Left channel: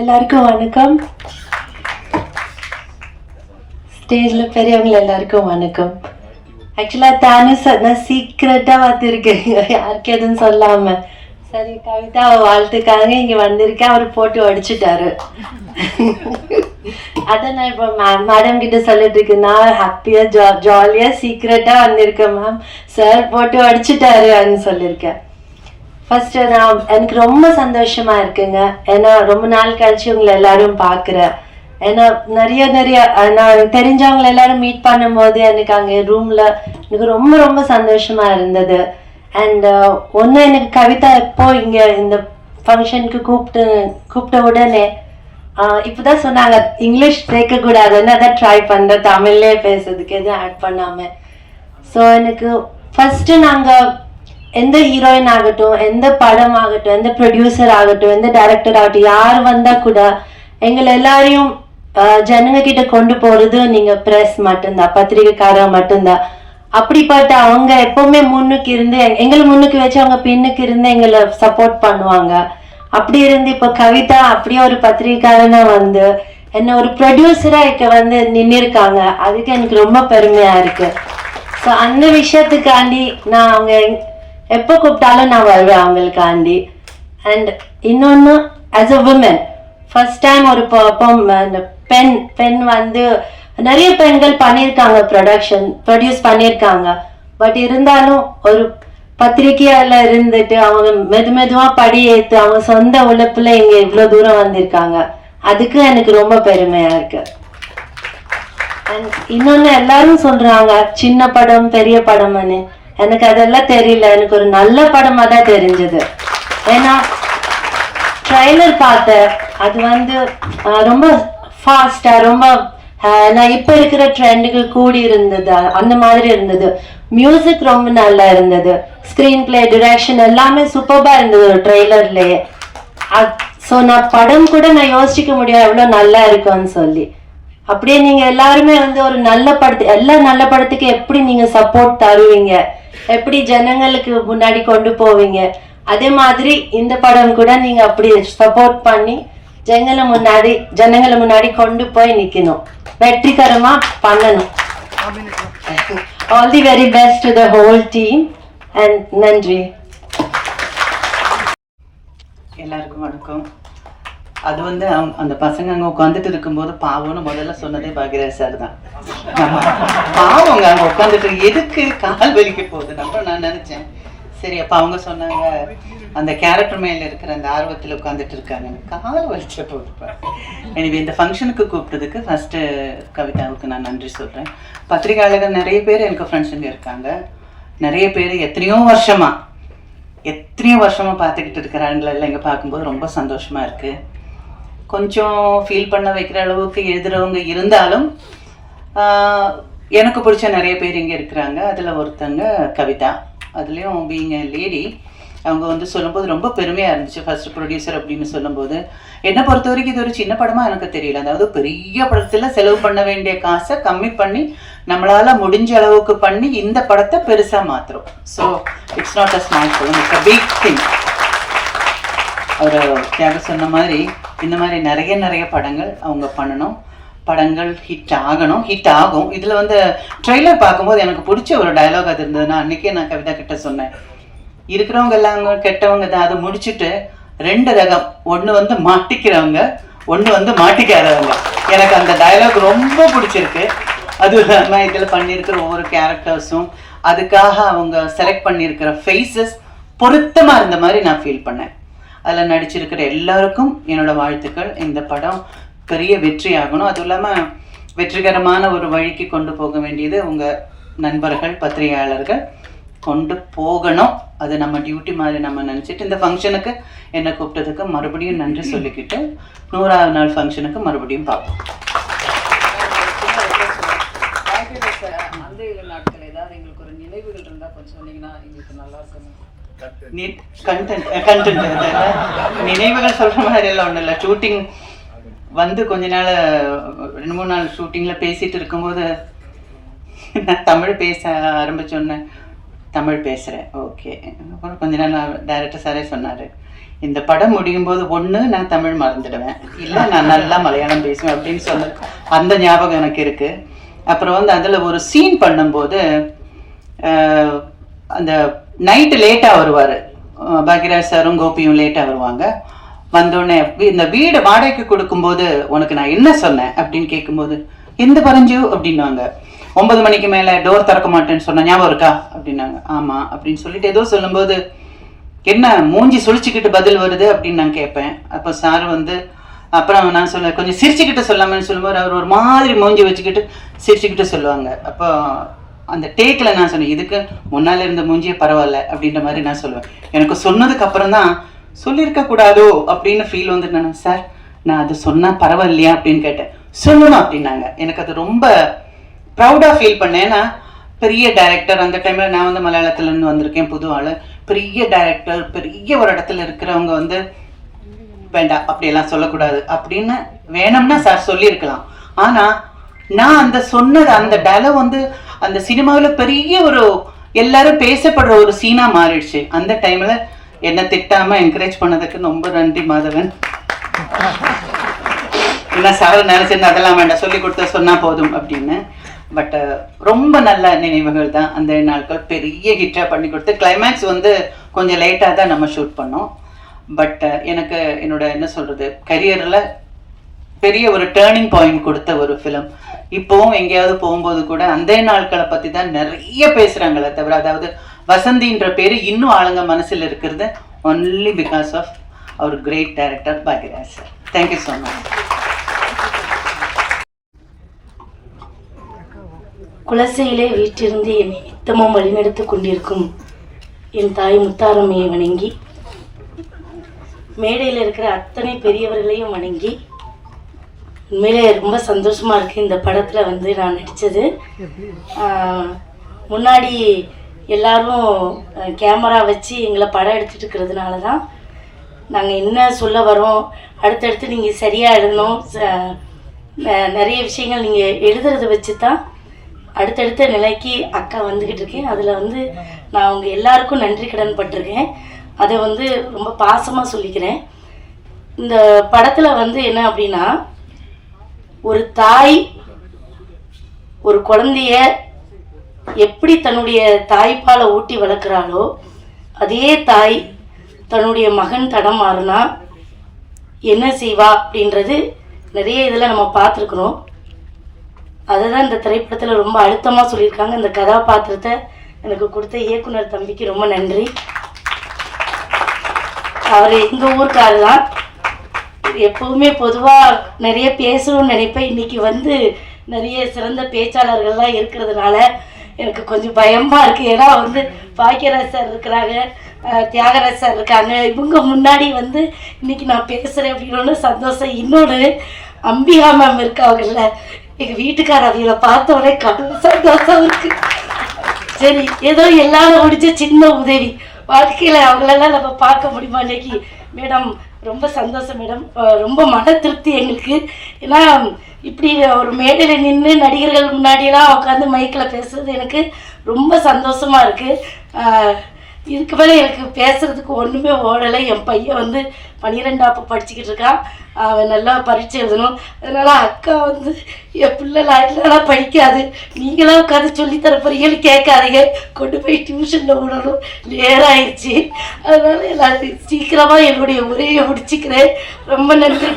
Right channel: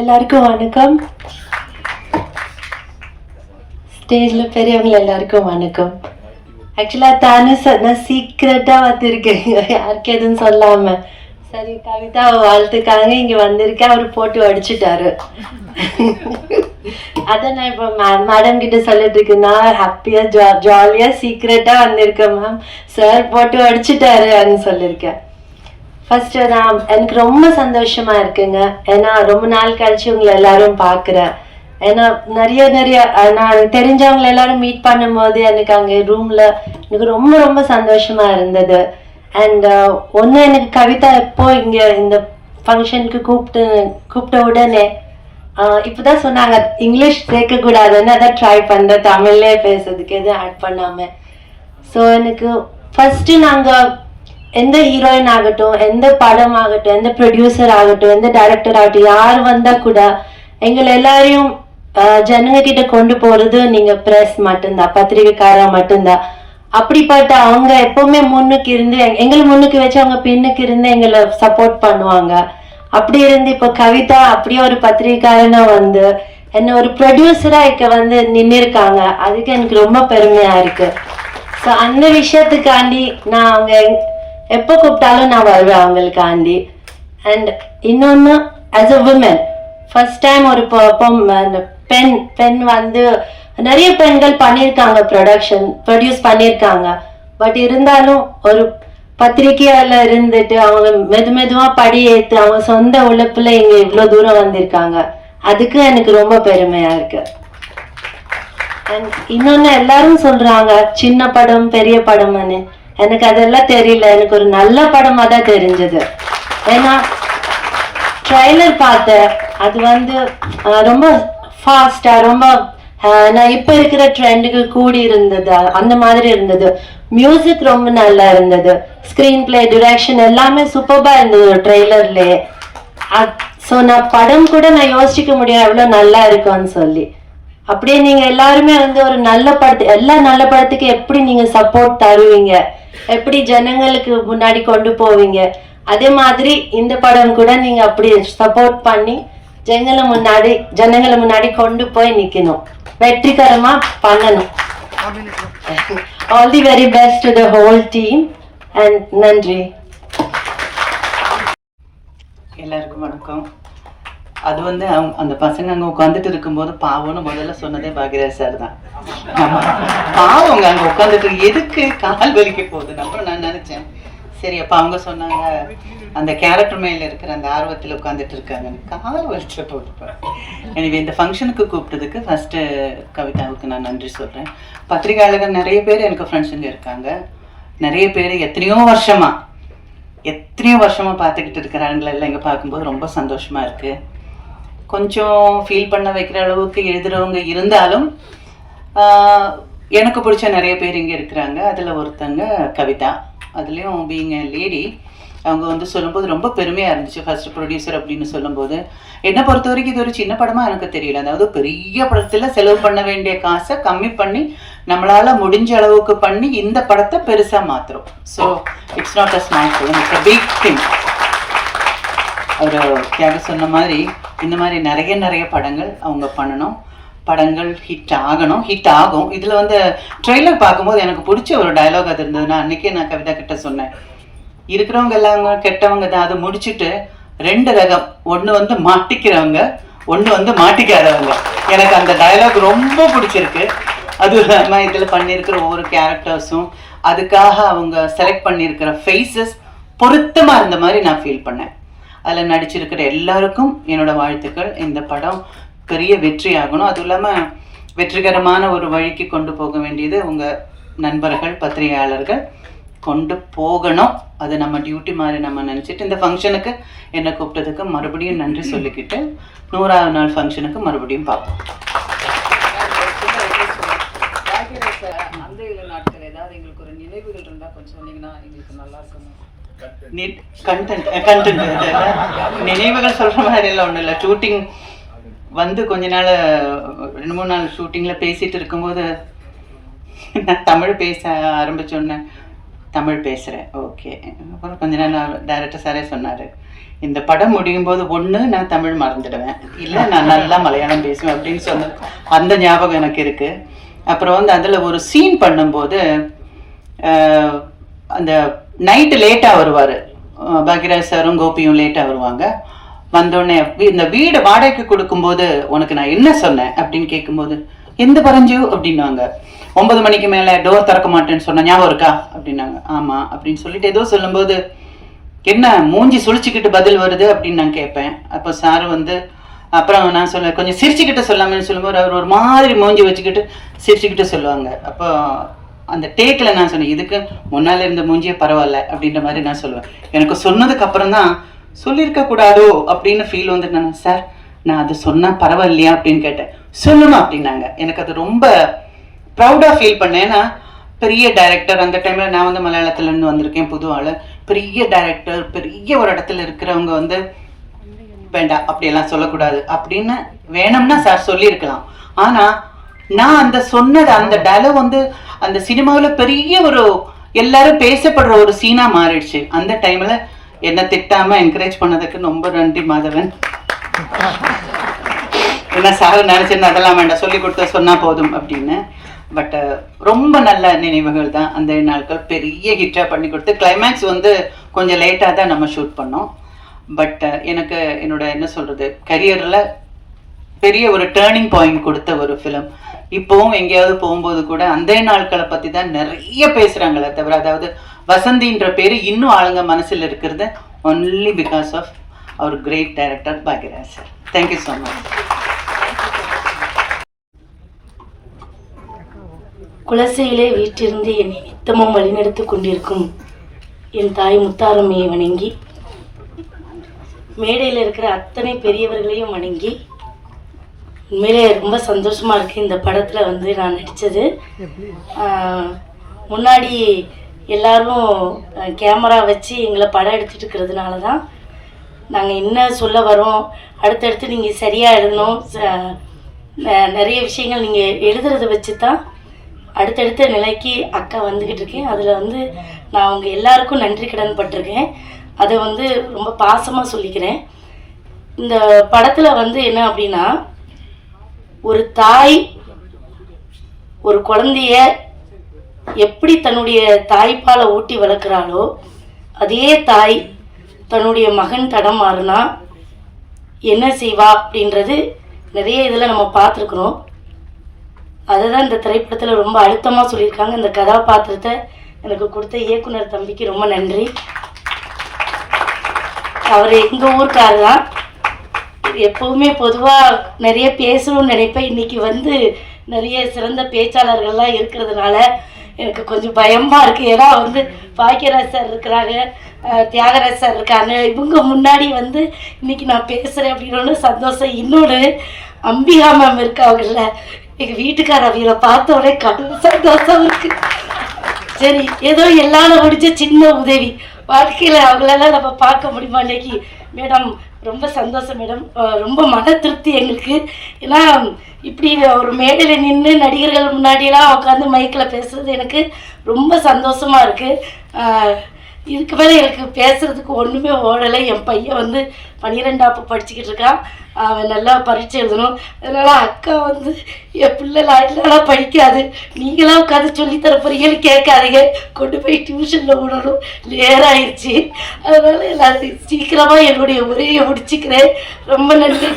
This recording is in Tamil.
எல்லாருக்கும் வணக்கம். ஸ்டேஜில் பெரியவங்க எல்லாருக்கும் வணக்கம். ஆக்சுவலாக நான் சீக்கிரட்டாக வந்திருக்கேன், யாருக்கு எதுவும் சொல்லாமல். சரி, கவிதா வாழ்த்துக்காக இங்கே வந்திருக்கேன், அவர் போட்டு அடிச்சுட்டாரு. அதை நான் இப்போ மேடம் கிட்ட சொல்லிட்டு இருக்கேன், நான் ஹாப்பியாக ஜாலியாக சீக்கிரட்டாக வந்திருக்கேன் மேம், சார் போட்டு அடிச்சுட்டாருன்னு சொல்லியிருக்கேன். ஃபர்ஸ்ட் எனக்கு ரொம்ப சந்தோஷமா இருக்குங்க. ஏன்னா ரொம்ப நாள் கழிச்சு உங்களை எல்லாரும் பார்க்குறேன். ஏன்னா நிறைய நான் தெரிஞ்சவங்களை எல்லாரும் மீட் பண்ணும்போது எனக்கு அங்கே ரூம்ல எனக்கு ரொம்ப ரொம்ப சந்தோஷமா இருந்தது. அண்ட் ஒன்று, எனக்கு கவிதா எப்போ இங்கே இந்த ஃபங்க்ஷனுக்கு கூப்பிட்ட உடனே இப்போதான் சொன்னாங்க இங்கிலீஷ் சேர்க்கக்கூடாதுன்னு, அதான் ட்ரை பண்ணுறேன் தமிழ்லே பேசுறதுக்கு எதுவும் ஆட் பண்ணாமல். ஸோ எனக்கு ஃபர்ஸ்ட்டு நாங்கள் எந்த ஹீரோயின் ஆகட்டும், எந்த படம் ஆகட்டும், எந்த ப்ரொடியூசர் ஆகட்டும், எந்த டைரக்டர் ஆகட்டும், யார் வந்தா கூட எங்களை எல்லாரையும் ஜனங்க கிட்ட கொண்டு போறது நீங்க பிரஸ் மட்டும்தான், பத்திரிகைக்காரா மட்டும்தான். அப்படிப்பட்ட அவங்க எப்பவுமே முன்னுக்கு இருந்து எங்களை முன்னுக்கு வச்சு அவங்க பின்னுக்கு இருந்து எங்களை சப்போர்ட் பண்ணுவாங்க. அப்படி இருந்து இப்போ கவிதா அப்படியே ஒரு பத்திரிகைக்காரனா வந்து என்ன ஒரு ப்ரொடியூசரா இங்க வந்து நின்று இருக்காங்க. அதுக்கு எனக்கு ரொம்ப பெருமையா இருக்கு. ஸோ அந்த விஷயத்துக்காண்டி நான் அவங்க எப்போ கூப்பிட்டாலும் நான் வருவேன் அவங்களுக்காண்டி. அண்ட் இன்னொன்று, as a women first time ஒரு பெண் வந்து நிறைய பெண்கள் பண்ணியிருக்காங்க, ப்ரொடியூஸ் பண்ணியிருக்காங்க. பட் இருந்தாலும் ஒரு பத்திரிகையால இருந்துட்டு அவங்க மெதுவா படி ஏற்று அவங்க சொந்த உழைப்புல இங்க இவ்வளோ தூரம் வந்திருக்காங்க. அதுக்கு எனக்கு ரொம்ப பெருமையா இருக்கு. அண்ட் இன்னொன்னு, எல்லாரும் சொல்றாங்க சின்ன படம் பெரிய படம்னு. எனக்கு அதெல்லாம் தெரியல, எனக்கு ஒரு நல்ல படமா தான் தெரிஞ்சது. ஏன்னா ட்ரைலர் பார்த்தேன், அது வந்து ரொம்ப ஃபாஸ்டா ரொம்ப நான் இப்ப இருக்கிற ட்ரெண்டுக்கு கூடி இருந்தது, அந்த மாதிரி இருந்தது. மியூசிக் ரொம்ப நல்லா இருந்தது, ஸ்கிரீன் பிளே, டிரெக்ஷன் எல்லாமே சூப்பர்பா இருந்தது ட்ரெய்லர்லயே. ஸோ நான் படம் கூட நான் யோசிக்க முடியும் எவ்வளோ நல்லா இருக்கும்னு சொல்லி. அப்படியே நீங்க எல்லாருமே வந்து ஒரு நல்ல படத்து, எல்லா நல்ல படத்துக்கு எப்படி நீங்க சப்போர்ட் தருவீங்க, எப்படி ஜனங்களுக்கு முன்னாடி கொண்டு போவீங்க, அதே மாதிரி இந்த படம் கூட நீங்க அப்படி சப்போர்ட் பண்ணி ஜனங்களை முன்னாடி கொண்டு போய் நிக்கணும், வெற்றிகரமா பண்ணணும். All the very best to the whole team and நன்றி. எல்லாருக்கும் வணக்கம். அது வந்து அந்த பசங்க அங்கே உட்காந்துட்டு இருக்கும்போது பாவம்னு முதல்ல சொன்னதே பாக்யராஜ் சார் தான். பாவங்க அங்கே உட்காந்துட்டு எதுக்கு கால் வலிக்க போகுது நான் நினைச்சேன். சரி, அப்போ அவங்க சொன்னாங்க அந்த கேரக்டர் மேல இருக்கிற அந்த ஆர்வத்தில் உட்காந்துட்டு இருக்காங்க, கால் வலிச்ச போட்டுப்பேன். எனவே இந்த ஃபங்க்ஷனுக்கு கூப்பிட்டதுக்கு ஃபர்ஸ்ட் கவிதாவுக்கு நான் நன்றி சொல்றேன். பத்திரிகையாளர்கள் நிறைய பேர் எனக்கு ஃப்ரெண்ட்ஸுங்க இருக்காங்க. நிறைய பேர் எத்தனையோ வருஷமா பார்த்துக்கிட்டு இருக்கிறாங்கள எல்லாம் இங்கே பார்க்கும்போது ரொம்ப சந்தோஷமா இருக்கு. கொஞ்சம் ஃபீல் பண்ண வைக்கிற அளவுக்கு எழுதுறவங்க இருந்தாலும் எனக்கு பிடிச்ச நிறைய பேர் இங்கே இருக்கிறாங்க. அதில் ஒருத்தங்க கவிதா. அதுலேயும் பீயிங் எ லேடி, அவங்க வந்து சொல்லும்போது ரொம்ப பெருமையாக இருந்துச்சு. ஃபர்ஸ்ட் ப்ரொடியூசர் அப்படின்னு சொல்லும்போது என்னை பொறுத்த வரைக்கும் இது ஒரு சின்ன படமாக எனக்கு தெரியல. அதாவது பெரிய படத்தில் செலவு பண்ண வேண்டிய காசை கம்மி பண்ணி நம்மளால் முடிஞ்ச அளவுக்கு பண்ணி இந்த படத்தை பெருசாக மாற்றுறோம். So it's not a small film, it's a big thing. அவர் தியாக சொன்ன மாதிரி இந்த மாதிரி நிறைய படங்கள் அவங்க பண்ணணும், படங்கள் ஹிட் ஆகும். இதில் வந்து ட்ரெய்லர் பார்க்கும்போது எனக்கு பிடிச்ச ஒரு டயலாக் அது இருந்ததுன்னா, அன்றைக்கே நான் கவிதா கிட்ட சொன்னேன், இருக்கிறவங்க எல்லாம் கெட்டவங்க தான், அதை முடிச்சுட்டு 2 ரகம், ஒன்று வந்து மாட்டிக்கிறவங்க, ஒன்று வந்து மாட்டிக்காதவங்க. எனக்கு அந்த டயலாக் ரொம்ப பிடிச்சிருக்கு. அதுவும் இல்லாமல் இதில் பண்ணியிருக்கிற ஒவ்வொரு கேரக்டர்ஸும் அதுக்காக அவங்க செலக்ட் பண்ணியிருக்கிற ஃபேஸஸ் பொருத்தமாக இருந்த மாதிரி நான் ஃபீல் பண்ணேன். அதில் நடிச்சிருக்கிற எல்லாருக்கும் என்னோட வாழ்த்துக்கள். இந்த படம் பெரிய வெற்றி ஆகணும். அதுவும் இல்லாமல் வெற்றிகரமான ஒரு வழிக்கு கொண்டு போக வேண்டியது உங்கள் நண்பர்கள் பத்திரிகையாளர்கள் கொண்டு போகணும். அது நம்ம டியூட்டி மாதிரி நம்ம நினச்சிட்டு இந்த ஃபங்க்ஷனுக்கு என்னை கூப்பிட்டதுக்கு மறுபடியும் நன்றி சொல்லிக்கிட்டு 100ஆவது நாள் ஃபங்க்ஷனுக்கு மறுபடியும் பார்ப்போம். நினைவுகள் சொல்ற மாதிரி எல்லாம் ஒன்றும் இல்லை. ஷூட்டிங் வந்து கொஞ்ச நாள் 2-3 நாள் ஷூட்டிங்கில் பேசிட்டு இருக்கும்போது நான் தமிழ் பேச ஆரம்பிச்சோன்னே தமிழ் பேசுகிறேன், ஓகே. அப்புறம் கொஞ்ச நாள் டைரக்டர் சாரே சொன்னார், இந்த படம் முடியும் போது ஒன்று நான் தமிழ் மறந்துடுவேன், இல்லை நான் நல்லா மலையாளம் பேசுவேன் அப்படின்னு சொன்னது அந்த ஞாபகம் எனக்கு இருக்குது. அப்புறம் வந்து அதில் ஒரு சீன் பண்ணும்போது அந்த நைட்டு லேட்டாக வருவார், பாக்யராஜ் சாரும் கோபியும் லேட்டாக வருவாங்க. வந்தோடனே இந்த வீடு வாடகைக்கு கொடுக்கும்போது உனக்கு நான் என்ன சொன்னேன் அப்படின்னு கேட்கும்போது எந்த பரஞ்சு அப்படின்னாங்க. 9 மணிக்கு மேலே டோர் திறக்க மாட்டேன்னு சொன்ன ஞாபகம் இருக்கா அப்படின்னாங்க. ஆமாம் அப்படின்னு சொல்லிட்டு ஏதோ சொல்லும்போது என்ன மூஞ்சி சுழிச்சுக்கிட்டு பதில் வருது அப்படின்னு நான் கேட்பேன். அப்போ சார் வந்து அப்புறம் நான் சொல்லுவேன் கொஞ்சம் சிரிச்சுக்கிட்டு சொல்லாமன்னு சொல்லும்போது அவர் ஒரு மாதிரி மூஞ்சி வச்சுக்கிட்டு சிரிச்சுக்கிட்டு சொல்லுவாங்க. அப்போ அந்த டேக்கில் நான் சொன்னேன் இதுக்கு முன்னால் இருந்த மூஞ்சியே பரவாயில்ல அப்படின்ற மாதிரி நான் சொல்லுவேன். எனக்கு சொன்னதுக்கு அப்புறம் தான் சொல்லியிருக்க கூடாதோ அப்படின்னு ஃபீல் வந்து நான் சார் நான் அது சொன்னால் பரவாயில்லையா அப்படின்னு கேட்டேன். சொல்லணும் அப்படின்னாங்க. எனக்கு அது ரொம்ப ப்ரௌடாக ஃபீல் பண்ணேன். ஏன்னா பெரிய டைரக்டர், அந்த டைமில் நான் வந்து மலையாளத்துலேருந்து வந்திருக்கேன், புது ஆள், பெரிய டைரக்டர், பெரிய ஒரு இடத்துல இருக்கிறவங்க வந்து வேண்டாம் அப்படியெல்லாம் சொல்லக்கூடாது அப்படின்னு வேணும்னா சார் சொல்லியிருக்கலாம். ஆனால் நான் அந்த சொன்னது அந்த டயலாக் வந்து அந்த சினிமாவில் பெரிய ஒரு எல்லாரும் பேசப்படுற ஒரு சீனாக மாறிடுச்சு. அந்த டைமில் என்ன திட்டாமல் என்கரேஜ் பண்ணதுக்கு ரொம்ப நன்றி மாதவன். ஏன்னா சார் நினச்சிருந்தா அதெல்லாம் வேண்டாம் சொல்லி கொடுத்த சொன்னால் போதும் அப்படின்னு. பட் ரொம்ப நல்ல நினைவுகள் தான் அந்த நாட்கள். பெரிய ஹிட்டாக பண்ணி கொடுத்து கிளைமேக்ஸ் வந்து கொஞ்சம் லேட்டாக தான் நம்ம ஷூட் பண்ணோம். பட் எனக்கு என்னோட என்ன சொல்கிறது கரியரில் பெரிய ஒரு டேர்னிங் பாயிண்ட் கொடுத்த ஒரு ஃபிலிம். இப்போவும் எங்கேயாவது போகும்போது கூட அந்த நாட்களை பற்றி தான் நிறைய பேசுகிறாங்களே தவிர, அதாவது வசந்தின்ற பேர் இன்னும் ஆளுங்க மனசில் இருக்கிறது only because of our great director Bhagyaraj sir. Thank you so much. குலசையிலே வீட்டிலிருந்து என்னை நித்தமும் வழிநடத்தி கொண்டிருக்கும் என் தாய் முத்தாரம்மையை வணங்கி, மேடையில் இருக்கிற அத்தனை பெரியவர்களையும் வணங்கி, உண்மையிலே ரொம்ப சந்தோஷமாக இருக்குது இந்த படத்தில் வந்து நான் நடித்தது. முன்னாடி எல்லாரும் கேமரா வச்சு எங்களை படம் எடுத்துகிட்டு இருக்கிறதுனால தான் நாங்கள் என்ன சொல்ல வரோம், அடுத்தடுத்து நீங்கள் சரியாக எழுதணும், நிறைய விஷயங்கள் நீங்கள் எழுதுறதை வச்சு தான் அடுத்தடுத்த நிலைக்கு அக்கா வந்துக்கிட்டு இருக்கேன். அதில் வந்து நான் அவங்க எல்லாருக்கும் நன்றி கடன் பட்டிருக்கேன். அதை வந்து ரொம்ப பாசமாக சொல்லிக்கிறேன். இந்த படத்தில் வந்து என்ன அப்படின்னா, ஒரு தாய் ஒரு குழந்தைய எப்படி தன்னுடைய தாய்ப்பாலை ஊட்டி வளர்க்குறாளோ, அதே தாய் தன்னுடைய மகன் தடம் மாறினா என்ன செய்வா அப்படின்றது நிறைய இதில் நம்ம பார்த்துருக்குறோம். அதை தான் இந்த திரைப்படத்தில் ரொம்ப அழுத்தமாக சொல்லியிருக்காங்க. இந்த கதாபாத்திரத்தை எனக்கு கொடுத்த இயக்குனர் தம்பிக்கு ரொம்ப நன்றி. அவர் எங்கள் ஊருக்காரர் தான். எப்போவுமே பொதுவாக நிறைய பேசணும்னு நினைப்பேன். இன்றைக்கி வந்து நிறைய சிறந்த பேச்சாளர்கள்லாம் இருக்கிறதுனால எனக்கு கொஞ்சம் பயமாக இருக்குது. ஏன்னா வந்து பாக்யராஜ் சார் இருக்கிறாங்க, தியாகராஜ் சார் இருக்காங்க, இவங்க முன்னாடி வந்து இன்றைக்கி நான் பேசுகிறேன் அப்படின்னு சந்தோஷம். இன்னொன்று அம்பிகா மேம் இருக்காங்கல்ல, எங்கள் வீட்டுக்கார அவிகளை பார்த்தோடனே கடும் சந்தோஷம் இருக்குது. சரி, ஏதோ எல்லாரும் முடிஞ்ச சின்ன உதவி வாழ்க்கையில் அவங்களெல்லாம் நம்ம பார்க்க முடியுமா இன்னைக்கு? மேடம் ரொம்ப சந்தோஷம் மேடம், ரொம்ப மன திருப்தி எங்களுக்கு. ஏன்னா இப்படி ஒரு மேடையில் நின்று நடிகர்கள் முன்னாடியெல்லாம் உட்காந்து மைக்கில் பேசுகிறது எனக்கு ரொம்ப சந்தோஷமாக இருக்குது. இதுக்கு மேலே எனக்கு பேசுகிறதுக்கு ஒன்றுமே ஓடலை. என் பையன் வந்து 12ஆப்பு படிச்சுக்கிட்டு இருக்கான், அவன் நல்லா பரீட்சை எழுதணும். அதனால் அக்கா வந்து என் பிள்ளை லாயெல்லாம் படிக்காது, நீங்களாம் உட்காந்து சொல்லித்தர போறீங்கன்னு கேட்காதீங்க, கொண்டு போய் டியூஷனில் விடணும், லேராகிடுச்சு. அதனால் எல்லாரும் சீக்கிரமாக என்னுடைய உரையை முடிச்சுக்கிறேன். ரொம்ப நன்றி.